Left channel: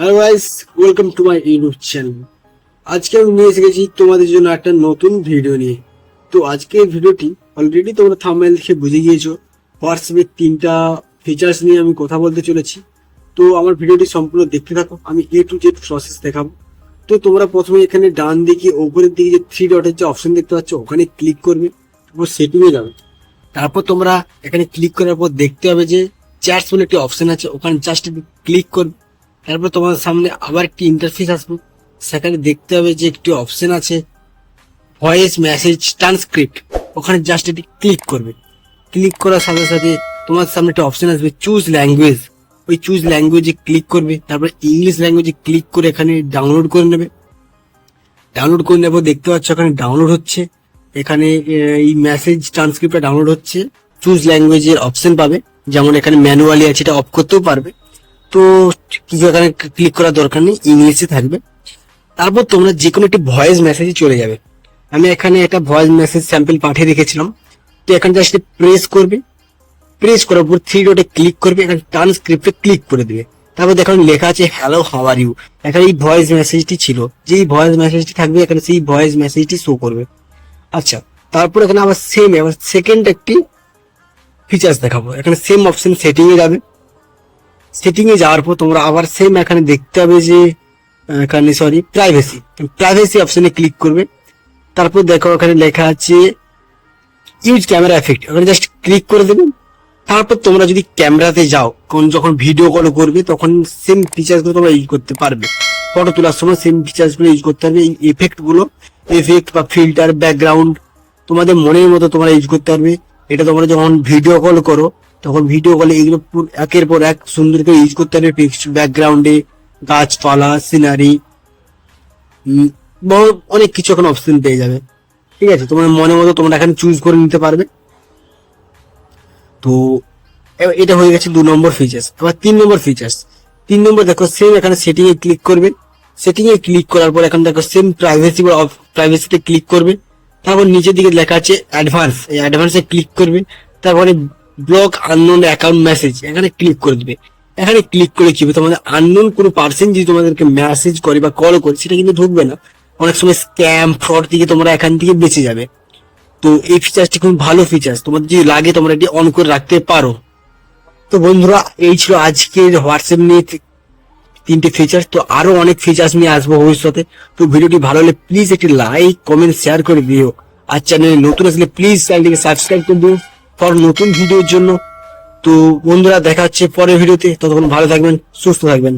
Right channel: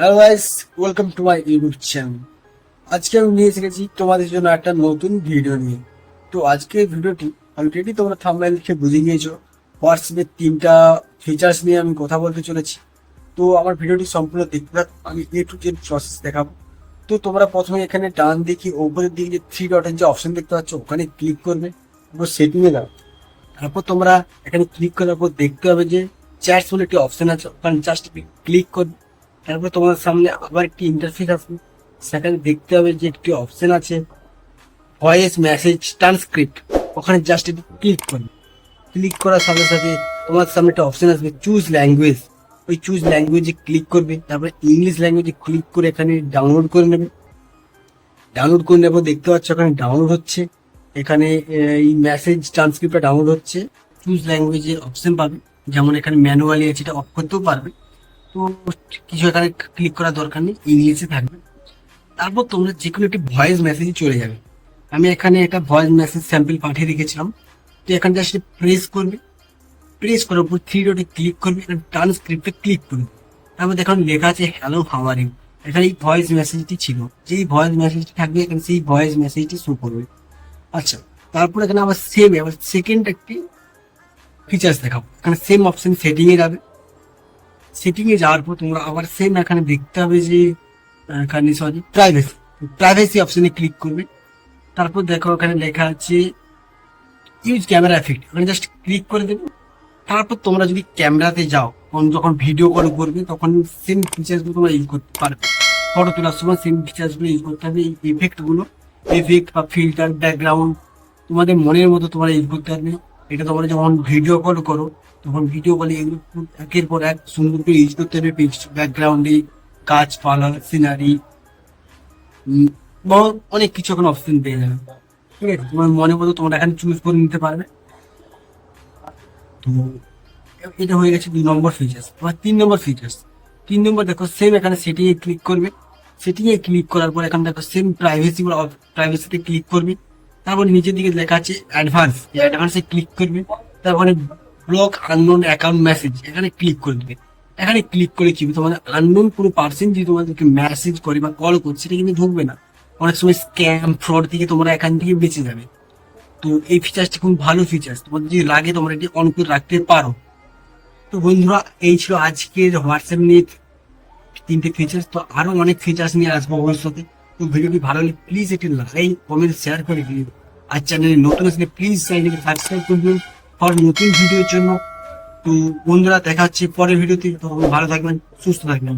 Hello guys, welcome to my YouTube channel. আজকে আমি নিয়ে এসে গেছি তোমাদের জন্য একটা নতুন ভিডিও নিয়ে। তো আজকের ভিডিওটি অলরেডি তোমরা থাম্বনেল দেখে বুঝে গিয়েছো, হোয়াটসঅ্যাপের 3টা ফিচার্স নিয়ে আমি কথা বলতে চলেছি। তো আমার ভিডিওটি সম্পূর্ণ দেখতে থাকো, আমি A to Z প্রসেস দেখাবো। তো তোমরা প্রথমে এখানে ডান দিকে ওপরের দিকে যে 3 ডটের যে অপশন দেখতে পাচ্ছ ওখানে ক্লিক করবে, তারপর সেটিংয়ে যাবে। তারপর তোমরা এখানে ক্লিক করার পর দেখতে হবে যে চ্যাটস বলে একটি অপশন আছে, ওখানে জাস্ট ক্লিক করবে। তারপর তোমাদের সামনে আবার একটি ইন্টারফেস আসবে, সেখানে দেখতে হবে যে একটি অপশন আছে ভয়েস মেসেজ ট্রান্সক্রিপ্ট, ওখানে জাস্ট এটি ক্লিক করবে। ক্লিক করার সাথে সাথে তোমার সামনে একটা অপশন আসবে চুজ ল্যাঙ্গুয়েজ, ওই চুজ ল্যাঙ্গুয়েজে ক্লিক করবে। তারপরে ইংলিশ ল্যাঙ্গুয়েজে ক্লিক করে এখানে ডাউনলোড করে নেবে। ডাউনলোড করে নেবো, দেখতে পাচ্ছ এখানে ডাউনলোড হচ্ছে। এখানে এই মেসেজ ট্রান্সক্রিপ্টটা ডাউনলোড হচ্ছে। চুজ ল্যাঙ্গুয়েজের অপশন পাবে, যেমন এখানে ম্যানুয়ালি আছে, এটা অফ করতেও পারবে। তো কিছু এখানে ক্লিক করার দরকার নেই, ইংলিশে থাকবে। তারপর তোমরা যে কোনো একটি ভয়েস মেসেজে চলে যাবে। আমি এখানে একটা ভয়েস মেসেজ স্যাম্পল পাঠিয়ে রেখেছিলাম। তো এখানে জাস্ট প্রেস করবে, প্রেস করার পর 3 ডটে ক্লিক করবে, এখানে ট্রান্সক্রিপ্টে ক্লিক করে দিবে। তারপর এখানে লেখা আছে হ্যালো হাউ আর ইউ। এখানে এই ভয়েস মেসেজটি ছিল, যেই ভয়েস মেসেজটি থাকবে এখানে সেই ভয়েস মেসেজটি শো করবে। আচ্ছা, তারপর এখানে আবার সেকেন্ড একটি ফিচার্স দেখাবো। এখানে সেম অপশন সেটিং এ যাবে। সেটিং এ যাওয়ার পর তোমরা আবার সেম এখানে দেখতে হবে যে এখানে প্রাইভেসি, প্রাইভেসি অপশনে ক্লিক করবে। তারপর দেখো এখানে লেখা আছে ইউজ ক্যামেরা এফেক্ট, ওখানে জাস্ট ক্লিক করে দেবে। তারপর তোমরা যদি ক্যামেরাতে যাও, যখন ভিডিও কল করবে তখন সেম ফিচার্স গুলো তোমরা ইউজ করতে পারবে। ফটো তোলার সময় সেম ফিচার্স গুলো ইউজ করতে পারবে। এই এফেক্ট গুলো, এফেক্ট বা ফিল্টার, ব্যাকগ্রাউন্ড তোমাদের মনের মতো তোমরা ইউজ করতে পারবে। এটা তোমরা যখন ভিডিও কল করো তখন ভিডিও কলে এগুলো একের পর এক সুন্দর করে ইউজ করতে পারবে। ব্যাকগ্রাউন্ডে গাছপালা, সিনারি, অনেক কিছু এখন অপশন পেয়ে যাবে। ঠিক আছে, তোমার মনের মতো তোমরা এখানে চুজ করে নিতে পারবে। তো এটা হয়ে গেছে 2 নম্বর ফিচার্স। এবার 3 নম্বর ফিচার্স। 3 নম্বর দেখো সেম এখানে সেটিং এ ক্লিক করবে। সেটিং এ ক্লিক করার পর এখানে দেখো সেম প্রাইভেসি বা প্রাইভেসিতে ক্লিক করবে। তারপর নিচের দিকে লেখা আছে অ্যাডভান্স, এই অ্যাডভান্সে ক্লিক করবে। তারপরে ব্লক আননোন অ্যাকাউন্ট মেসেজ, এখানে ক্লিক করে দিবে। এখানে ক্লিক করে কি হবে, তোমাদের আননোন কোনো পার্সন যদি তোমাদেরকে মেসেজ করে বা কল করে সেটা কিন্তু ঢুকবে না। অনেক সময় স্ক্যাম ফ্রড থেকে তোমরা এখান থেকে বেঁচে যাবে। তো এই ফিচারটি খুব ভালো ফিচার্স, তোমাদের যদি লাগে তোমরা এটি অন করে রাখতে পারো। তো বন্ধুরা, এই ছিল আজকের হোয়াটসঅ্যাপ নিয়ে 3টে ফিচার্স। তো আরো অনেক ফিচার্স নিয়ে আসবো ভবিষ্যতে। তো ভিডিওটি ভালো হলে প্লিজ একটি লাইক কমেন্ট শেয়ার করে দিও। আর চ্যানেলে নতুন আসলে প্লিজ চ্যানেলটিকে সাবস্ক্রাইব করে দিও ফর নতুন ভিডিওর জন্য। তো বন্ধুরা, দেখা হচ্ছে পরের ভিডিওতে, ততক্ষণ ভালো থাকবেন, সুস্থ থাকবেন।